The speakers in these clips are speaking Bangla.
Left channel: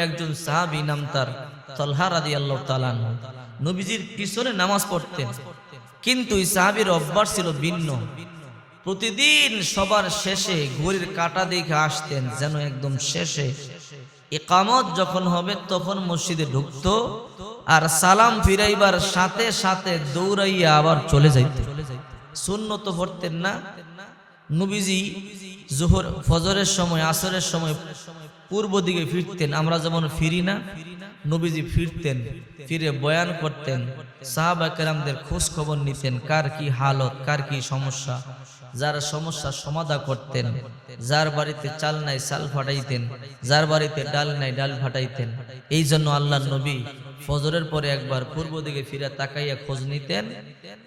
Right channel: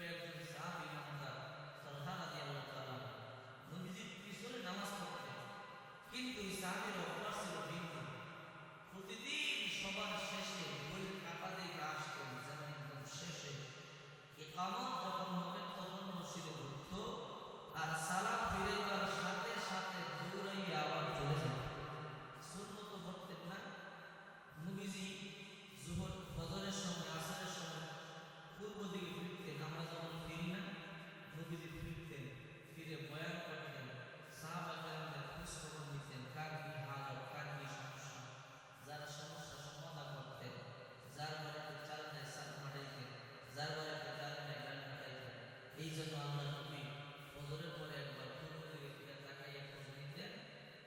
কয়েকজন সাহাবী, নাম তার তালহা রাদিয়াল্লাহু তাআলা আনহু, নবীজির পিছনে নামাজ পড়তেন। কিন্তু এই সাহাবীর অভ্যাস ছিল ভিন্ন। প্রতিদিন সবার শেষে ঘড়ির কাঁটা দেখে আসতেন, যেন একদম শেষে ইকামত যখন হবে তখন মসজিদে ঢুকতো, আর সালাম ফিরাইবার সাথে সাথে দৌড়াইয়া আবার চলে যাইত। সুন্নত পড়তেন না। নবীজি জোহর ফজরের সময়, আসরের সময় পূর্ব দিকে ফিরতেন, আমরা যেমন ফিরি না, নবীজি ফিরতেন, ফিরে বয়ান করতেন, সাহাবা কেরামদের খোঁজ খবর নিতেন, কার কি হালত, কার কি সমস্যা, যার সমস্যা সমাধান করতেন, যার বাড়িতে চাল নাই চাল ফাটাইতেন, যার বাড়িতে ডাল নাই ডাল ফাটাইতেন। এই জন্য আল্লাহর নবী ফজরের পরে একবার পূর্ব দিকে ফিরা তাকাইয়া খোঁজ নিতেন,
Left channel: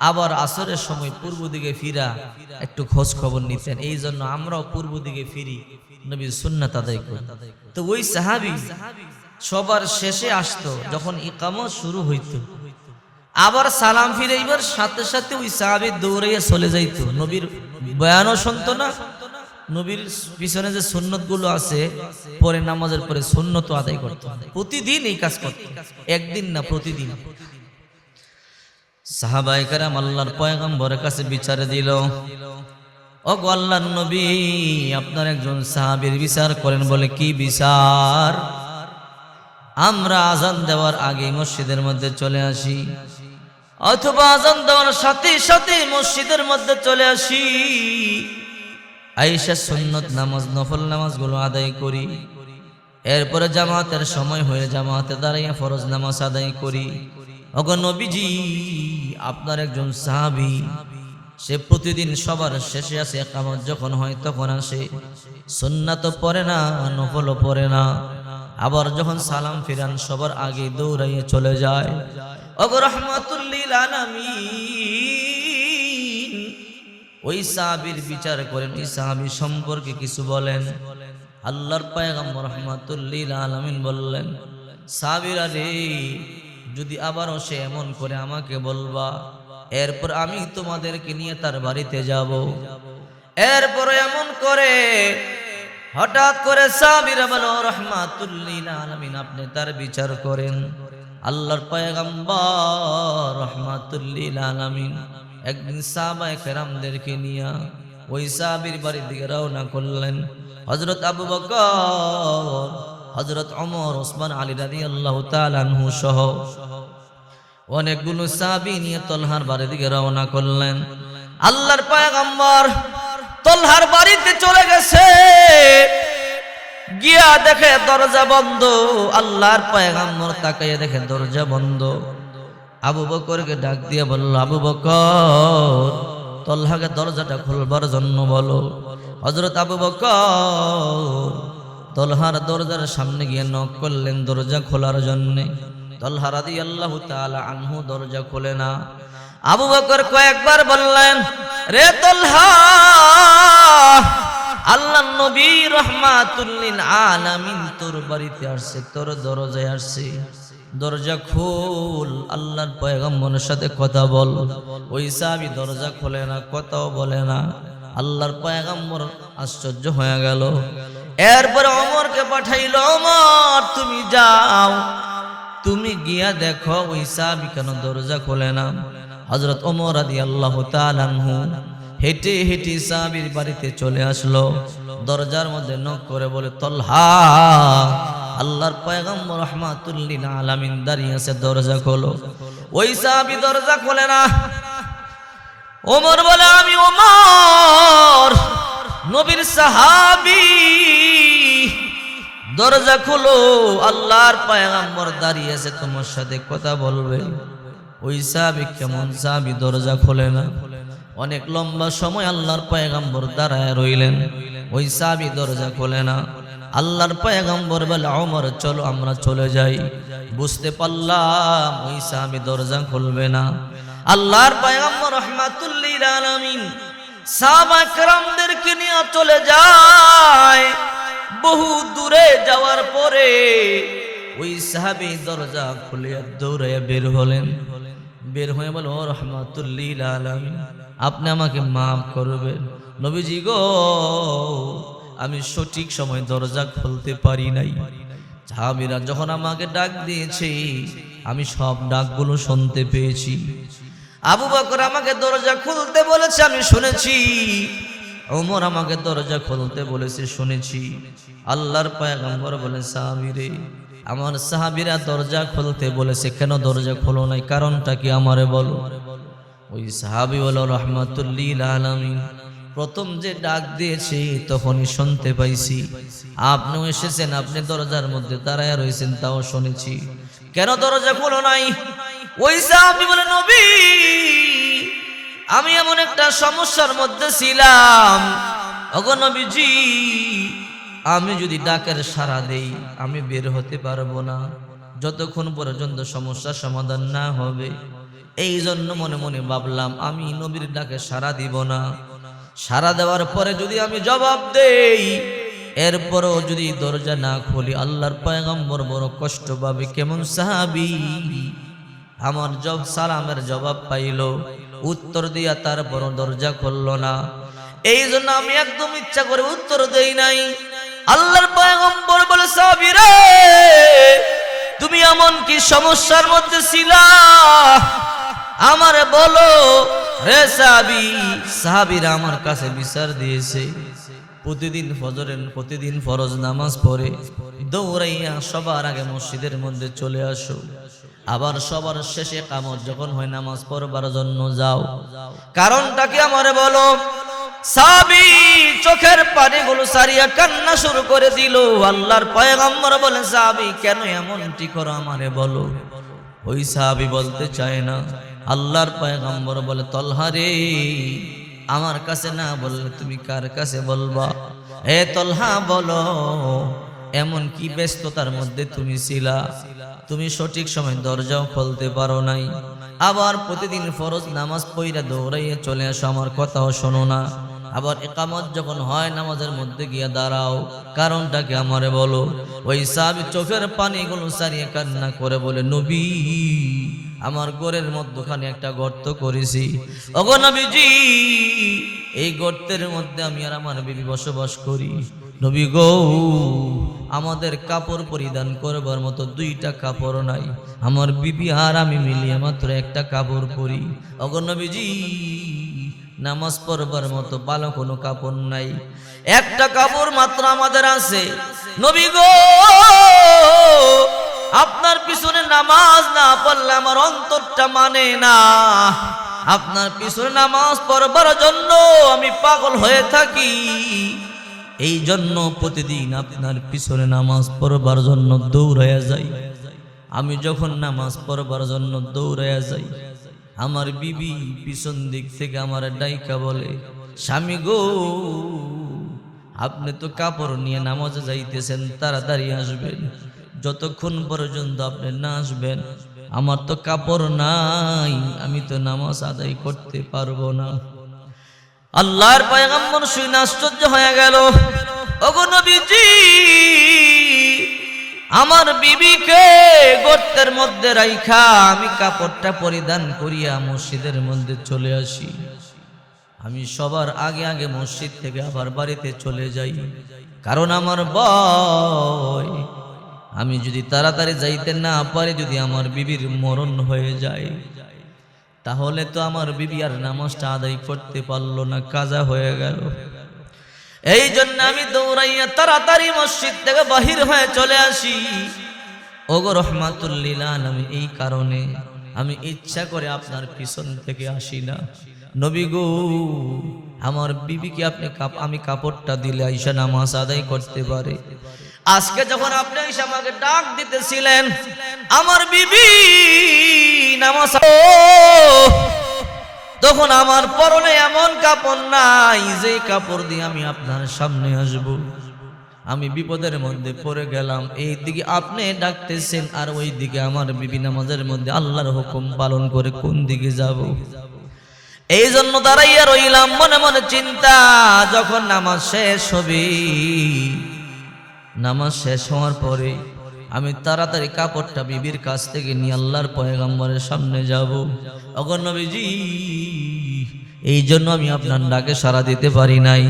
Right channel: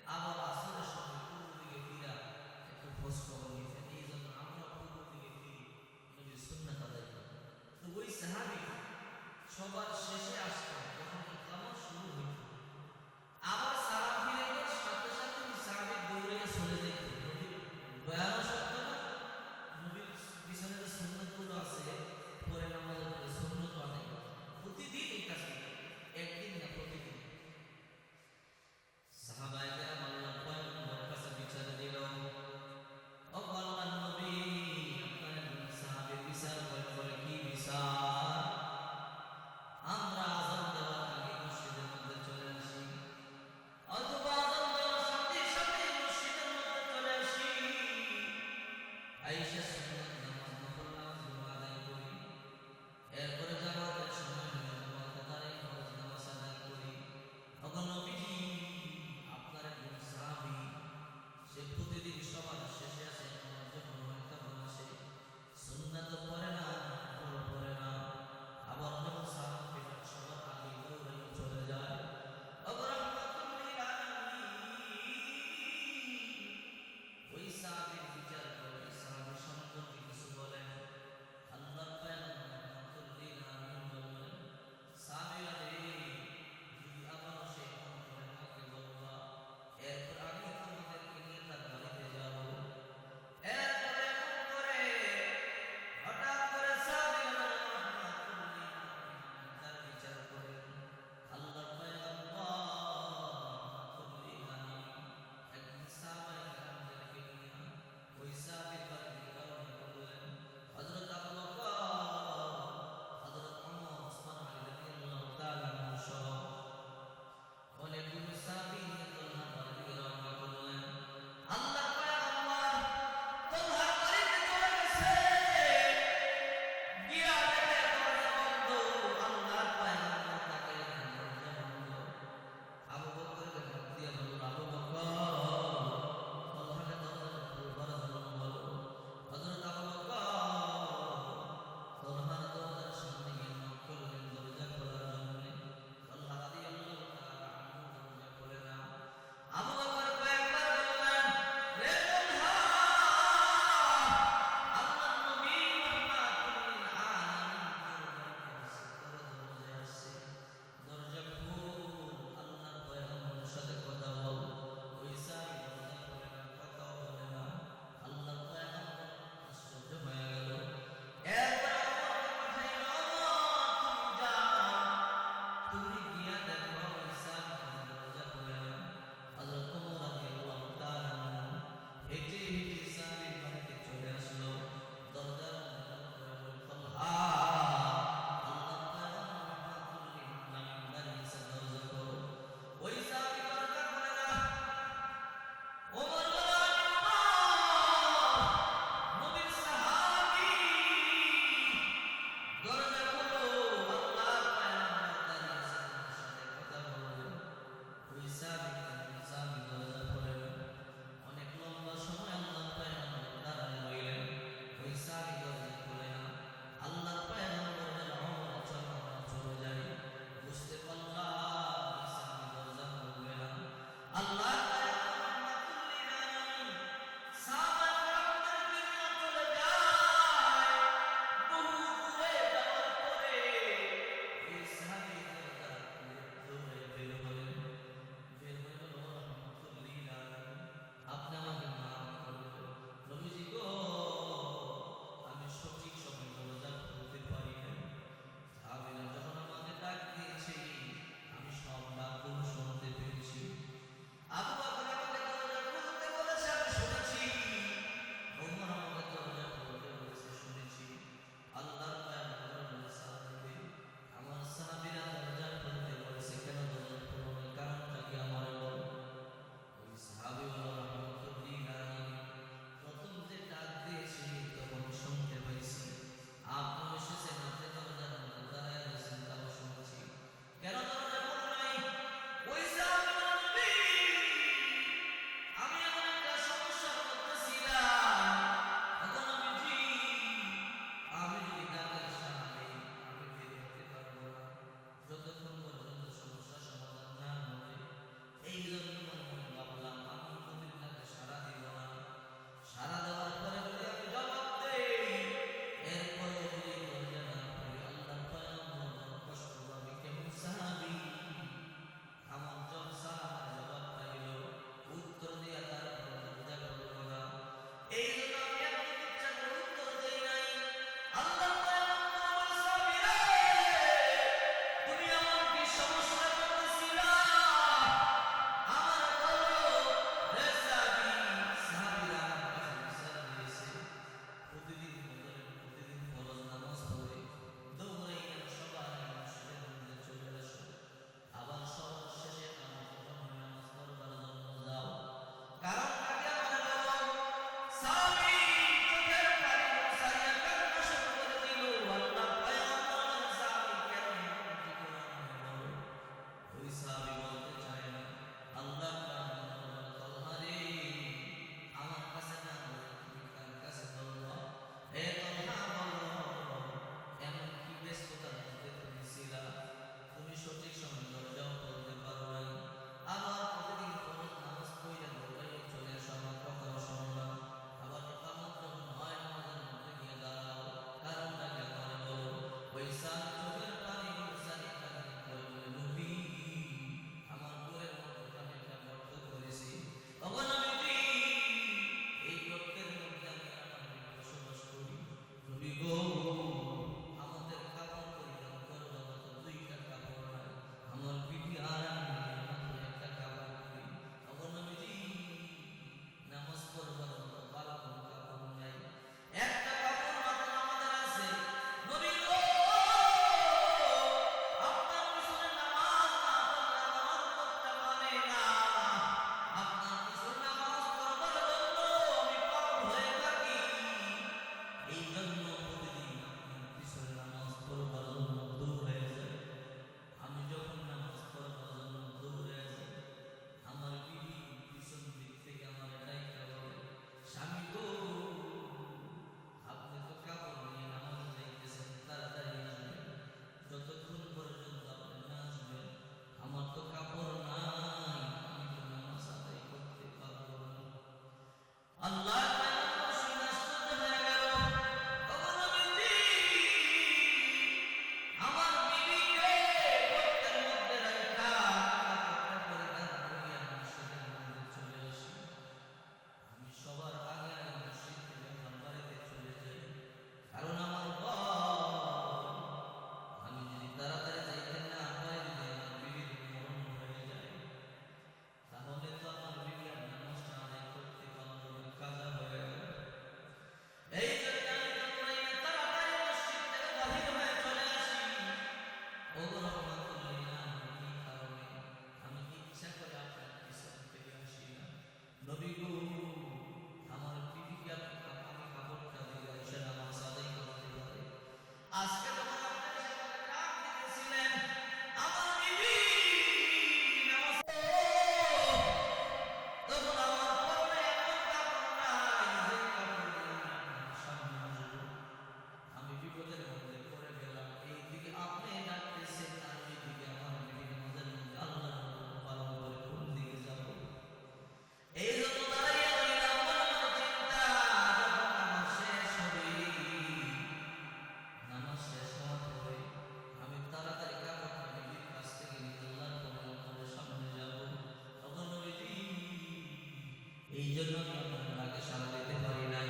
আবার আসরের সময় পূর্ব দিকে ফিরা একটু খোঁজ খবর নিতেন। এই জন্য আমরাও পূর্ব দিকে ফিরি, নবীর সুন্নাত আদায় করি। তো ওই সাহাবী সবার শেষে আসতো, যখন ইকামত শুরু হইতো আবার সালাম ফিরাইবার সাথে সাথে ওই সাহাবী দৌড়াইয়া চলে যাইত। নবীর বয়ানও শুনতো না, নবীর পিছনে যে সুন্নত গুলো আছে পরে নামাজের পরে সুন্নত আদায় করতো। প্রতিদিন এই কাজ করতো, একদিন না, প্রতিদিন। সাহাবায়ে কেরাম আল্লাহর পয়গম্বরের কাছে বিচারে দিল, ও গো আল্লাহর নবী, আপনার একজন সাহাবীর বিচার করেন। বলে কি বিচার? আমরা আজান দেওয়ার আগে মসজিদের মধ্যে চলে আসি, অথবা আজান দেওয়ার সাথে সাথে মসজিদের মধ্যে চলে আসি, আয়েশা সুন্নত নামাজ, নফল নামাজগুলো আদায় করি, এরপরে জামাতের সময় হয়ে জামাতে দাঁড়াইয়া ফরজ নামাজ আদায় করি। ওগো নবীজি, আপনার একজন সাহাবী, সে প্রতিদিন সবার শেষে আসে, ইকামত যখন হয় তখন আসে, সুন্নাতও পড়ে না, নফলও পড়ে না, আবার যখন সালাম ফিরান সবার আগে দৌড়াইয়ে চলে যায়। ওগো রাহমাতুল লিল আলামিন, ওই সাহাবীর বিচার করেন, ওই সাহাবী সম্পর্কে কিছু বলেন। আল্লাহর পয়গম্বর রাহমাতুল লিল আলামিন বললেন, সাহাবীরা রে, যদি আবারও সে এমন করে আমাকে বলবা, এরপর আমি তোমাদেরকে নিয়ে তার বাড়িতে যাব। এরপর এমন করে হঠাৎ করে সাহাবীরা বলে, রাহমাতুল লিল আলামিন, আপনি তার বিচার করেন। আল্লাহর পয়গম্বর রাহমাতুল লিল আলামিন একদিন সাহাবায়ে কেরামদেরকে নিয়ে ওই সাহাবীর বাড়ির দিকে রওনা করলেন। হযরত আবু বকর, হযরত ওমর, ওসমান, আলী রাদিয়াল্লাহু তাআলা আনহু সহ অনেকগুলো সাহাবী নিয়ে তলহার বাড়ির দিকে রওনা করলেন। আল্লাহর পয়গম্বর তলহার বাড়িতে চলে গেছে, গিয়া দেখে দরজা বন্ধ। আল্লাহর পয়গম্বর তাকাইয়া দেখে দরজা বন্ধ। আবু বকরকে ডাক দিয়ে বলল, আবু বকর, তলহাকে দরজাটা খুলবার জন্য বলো। হযরত আবু বকর তলহার দরজার সামনে গিয়ে নক করলেন দরজা খোলার জন্য। তলহা রাদিয়াল্লাহু তাআলা আনহু দরজা খোলে না। আবু বকর কয়েকবার বললেন, রে তলহা, আল্লাহর নবী রাহমাতুল লিল আলামিন তোর বাড়িতে আসছে, তোর দরজায় আসছে, দরজা খোল, আল্লাহর পয়গম্বরের সাথে কথা বল। ওই সাহাবী দরজা খোলে না, কথাও বলে না। আল্লাহর পয়গম্বর আশ্চর্য হয়ে গেল। এরপরে ওমরকে পাঠাইল, ওমর তুমি যাও, তুমি গিয়া দেখো ওই সাহাবী কেন দরজা খোলে না। হযরত ওমর রাদিয়াল্লাহু তাআলা আনহু হেঁটে হেঁটে সাহাবীর বাড়িতে চলে আসলো। দরজার মধ্যে নক করে বলে, তলহা, আল্লাহর পয়গম্বর রাহমাতুল লিল আলামিন দাঁড়িয়ে আছে, দরজা খোলো। ওই সাহাবী দরজা খোলে না। ওমর বলে, আমি ওমর, নবীর সাহাবী, দরজা খোলো, আল্লাহর পয়গম্বর দাঁড়িয়ে আছে, তোমার সাথে কথা বলবে। ওই সাহাবী কেমন সাহাবী, দরজা খোলে না। অনেক লম্বা সময় আল্লাহর পয়গম্বর দাঁড়ায় রইলেন, ওই সাহাবী দরজা খোলে না। আল্লাহর পয়গম্বর বলে, ওমর চলো আমরা চলে যাই। বুঝতে পারলাম ওই সাহাবী দরজা খুলবে না। আল্লাহর পয়গম্বর রাহমাতুল লিল আলামিন সাহাবা কেরামদেরকে নিয়ে চলে যায়। বহু দূরে যাওয়ার পরে ওই সাহাবী দরজা খুলে দৌড়াইয়া বের হলেন। বের হয়ে বলে, ও রাহমাতুল লিল আলামিন, আপনি আমাকে মাফ করবেন। নবীজি গো, আমি সঠিক সময় দরজা খুলতে পারি নাই, সাহাবীরা যখন আমাকে ডাক দিয়েছে আমি সব ডাকগুলো শুনতে পেয়েছি। আবু বকর আমাকে দরজা খুলতে বলেছে, আমি শুনেছি। ওমর আমাকে দরজা খুলতে বলেছে, শুনেছি। আল্লাহর পয়গম্বর বলে, সাহাবীরে, আমার সাহাবীরা দরজা খুলতে বলেছে, কেন দরজা খোলো নাই? কারণটা কি আমারে বলো। ওই সাহাবী হলো রাহমাতুল লিল আলামিন। প্রথম যে ডাক দিয়েছে তখনই শুনতে পাইছি। আপনিও এসেছেন, আপনি দরজার মধ্যে দাঁড়ায় রয়েছেন, তাও শুনেছি। কেন দরজা খোলো নাই? ওই সাহাবী বলে, নবী, আমি এমন একটা সমস্যার মধ্যে ছিলাম, ওগো নবীজি, আমি যদি ডাকের সাড়া দেই আমি বের হতে পারবো না, যতক্ষণ পর্যন্ত সমস্যার সমাধান না হবে। এই জন্য মনে মনে ভাবলাম আমি নবীর ডাকে সাড়া দিব না। সাড়া দেওয়ার পরে যদি আমি জবাব দেই, এরপরও যদি দরজা না খুলি, আল্লাহর পয়গম্বর বড় কষ্ট পাবে। কেমন সাহাবী, আমার সালামের জবাব পাইল, উত্তর দিয়া তারপর দরজা খুলল না। এই জন্য আমি একদম ইচ্ছা করে উত্তর দেই নাই। আল্লাহর পয়গম্বর বলে, সাহাবী রে, তুমি এমন কি সমস্যার মধ্যে ছিলা আমারে বলো রে সাহাবী। সাহাবীরা আমার কাছে বিচার দিয়েছে, প্রতিদিন ফরজ নামাজ পড়ে দৌড়াইয়া সবার আগে মসজিদের মধ্যে চলে আসো, আবার সবার শেষে কামত যখন হয় নামাজ পড়বার জন্য যাও। কারণটা কি আমারে বলো। সাহাবী চোখের পানিগুলো সারিয়া কান্না শুরু করে দিল। আল্লাহর পয়গম্বর বলে, সাহাবী কেন এমনটি করো আমারে বলো। ওই সাহাবী বলতে চায় না। আল্লাহর পয়গম্বর বলে, তলহা রে, আমার কাছে না বললে তুমি কার কাছে বলবা? এ তলহা বলো, এমন কি ব্যস্ততার মধ্যে তুমি ছিলা, তুমি সঠিক সময় দরজাও খুলতে পারো নাই, আবার প্রতিদিন ফরজ নামাজ পড়া দৌড়াইয়া চলে আসো, আমার কথাও শোনো না, আবার ইকামত যখন হয় নামাজের মধ্যে গিয়া দাঁড়াও, কারণটা কি আমারে বলো। ওই সাহাবী চোখের পানিগুলো সারিয়ে কান্না করে বলে, নবী, আমার ঘরের মধ্যখানে একটা গর্ত করেছি, ওগো নবীজি, এই গর্তের মধ্যে আমি আর আমার বিবি বসবাস করি। নবী গো, আমাদের কাপড় পরিধান করবার মতো দুইটা কাপড় নাই, আমার বিবি আর আমি মিলিয়ে মাত্র একটা কাপড় পরি। ওগো নবীজি, নামাজ পড়বার মতো ভালো কোনো কাপড় নাই, একটা কাপড় মাত্র আমাদের আছে। নবী গো, আপনার পিছনে নামাজ না পড়লে আমার অন্তরটা মানে না, আপনার পিছনে নামাজ পড়বার জন্য আমি পাগল হয়ে থাকি, এই জন্য প্রতিদিন আপনার পিছনে নামাজ পড়বার জন্য দৌড়াইয়া যাই। আমি যখন নামাজ পড়বার জন্য দৌড়াইয়া যাই, আমার বিবি পিছন দিক থেকে আমার ডাইকা বলে, স্বামী গো, আপনি তো কাপড় নিয়ে নামাজে যাইতেছেন, তাড়াতাড়ি আসবেন, যতক্ষণ পর্যন্ত আপনি না আসবেন আমার তো কাপড় নাই, আমি তো নামাজ আদায় করতে পারবো না। আল্লাহর পয়গম্বর শুনে আশ্চর্য হয়ে গেল, ওগো নবীজি, আমার বিবিকে গর্তের মধ্যে রাইখা আমি কাপড়টা পরিধান করিয়া মসজিদের মধ্যে চলে আসি। আমি সবার আগে আগে মসজিদ থেকে আবার বাড়িতে চলে যাই, কারণ আমার ভয়, আমি যদি তাড়াতাড়ি যাইতে না পারি, যদি আমার বিবির মরণ হয়ে যায়, তাহলে তো আমার বিবি আর নামাজটা আদায় করতে পারলো না, কাজা হয়ে গেল। এই জন্য আমি দৌড়াইয়া তাড়াতাড়ি মসজিদ থেকে বাহির হয়ে চলে আসি। ওগো রহমাতুল লিল আলামিন, এই কারণে আমি ইচ্ছা করে আপনার পিছন থেকে আসি না। নবী গো, আমার বিবিকে আপনি আমি কাপড়টা দিলে আইসা নামাজ আদায় করতে পারে। আজকে যখন আপনি এসে আমাকে ডাক দিতেছিলেন, আমার বিবি নামাজ, তখন আমার পরনে এমন কাপড় নাই যে কাপড় দিয়ে আমি আপনার সামনে আসব। আমি বিপদের মধ্যে পড়ে গেলাম, এই দিকে আপনি ডাকতেছেন আর ওই দিকে আমার বিবি নামাজের মধ্যে আল্লাহর হুকুম পালন করে কোন দিকে যাব। এই জন্য দাঁড়াইয়া রইলাম, মনে মনে চিন্তা, যখন নামাজ শেষ হবে, নামাজ শেষ হওয়ার পরে আমি তাড়াতাড়ি কাপড়টা বিবির কাছ থেকে নিয়ে আল্লাহর পয়গম্বরের সামনে যাব। ওগো নবীজি, এই জন্য আমি আপনার ডাকে সাড়া দিতে পারি নাই।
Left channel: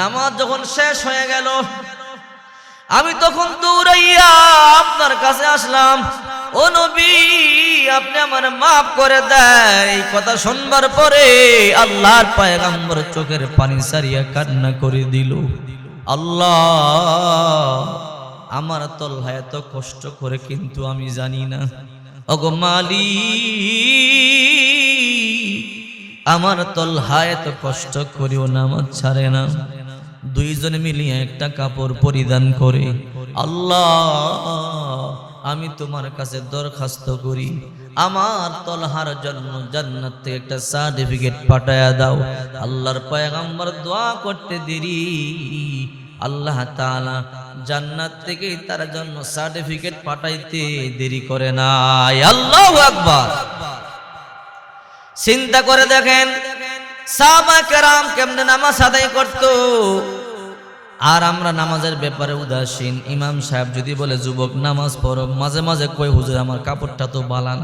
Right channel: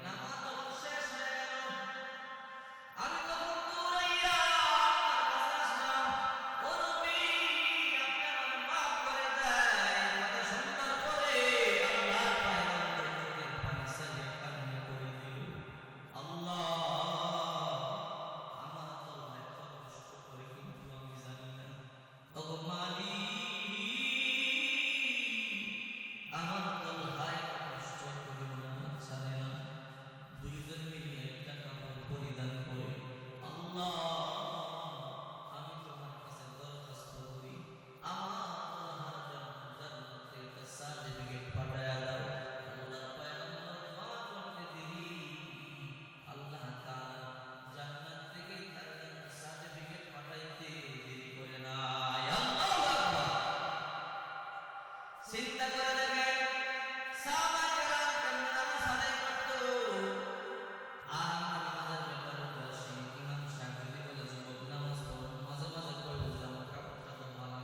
নামাজ যখন শেষ হয়ে গেল, আমি তখন দৌড়াইয়া আপনার কাছে আসলাম, ও নবী আপনি আমার মাফ করে দেয়। এই কথা শুনবার পরে আল্লাহর পয়গম্বর চোখের পানি সারিয়া কান্না করে দিল। আল্লাহ, আমার তলহা এত কষ্ট করে কিন্তু আমি জানি না। ওগো মালিক, আমার তলহা এত কষ্ট করেও নামাজ ছাড়ে না। দুইজনে মিলিয়ে একটা কাপড় পরিধান করে, আল্লাহ আমি তোমার কাছে দরখাস্ত করি, আমার তলহার জন্য জান্নাত থেকে একটা সার্টিফিকেট পাঠায়া দাও। আল্লাহর পয়গম্বর দোয়া করতে দেরি, আল্লাহ তাআলা জান্নাত থেকে তার জন্য সার্টিফিকেট পাঠাইতে দেরি করে নাই। আল্লাহু আকবার। চিন্তা করে দেখেন সাহাবা কেরাম কেমনে নামাজ আদায় করতো, আর আমরা নামাজের ব্যাপারে উদাসীন। ইমাম সাহেব যদি বলে যুবক নামাজ পড়ো, মাঝে মাঝে কই হুজুর আমার কাপড়টা তো বালা না।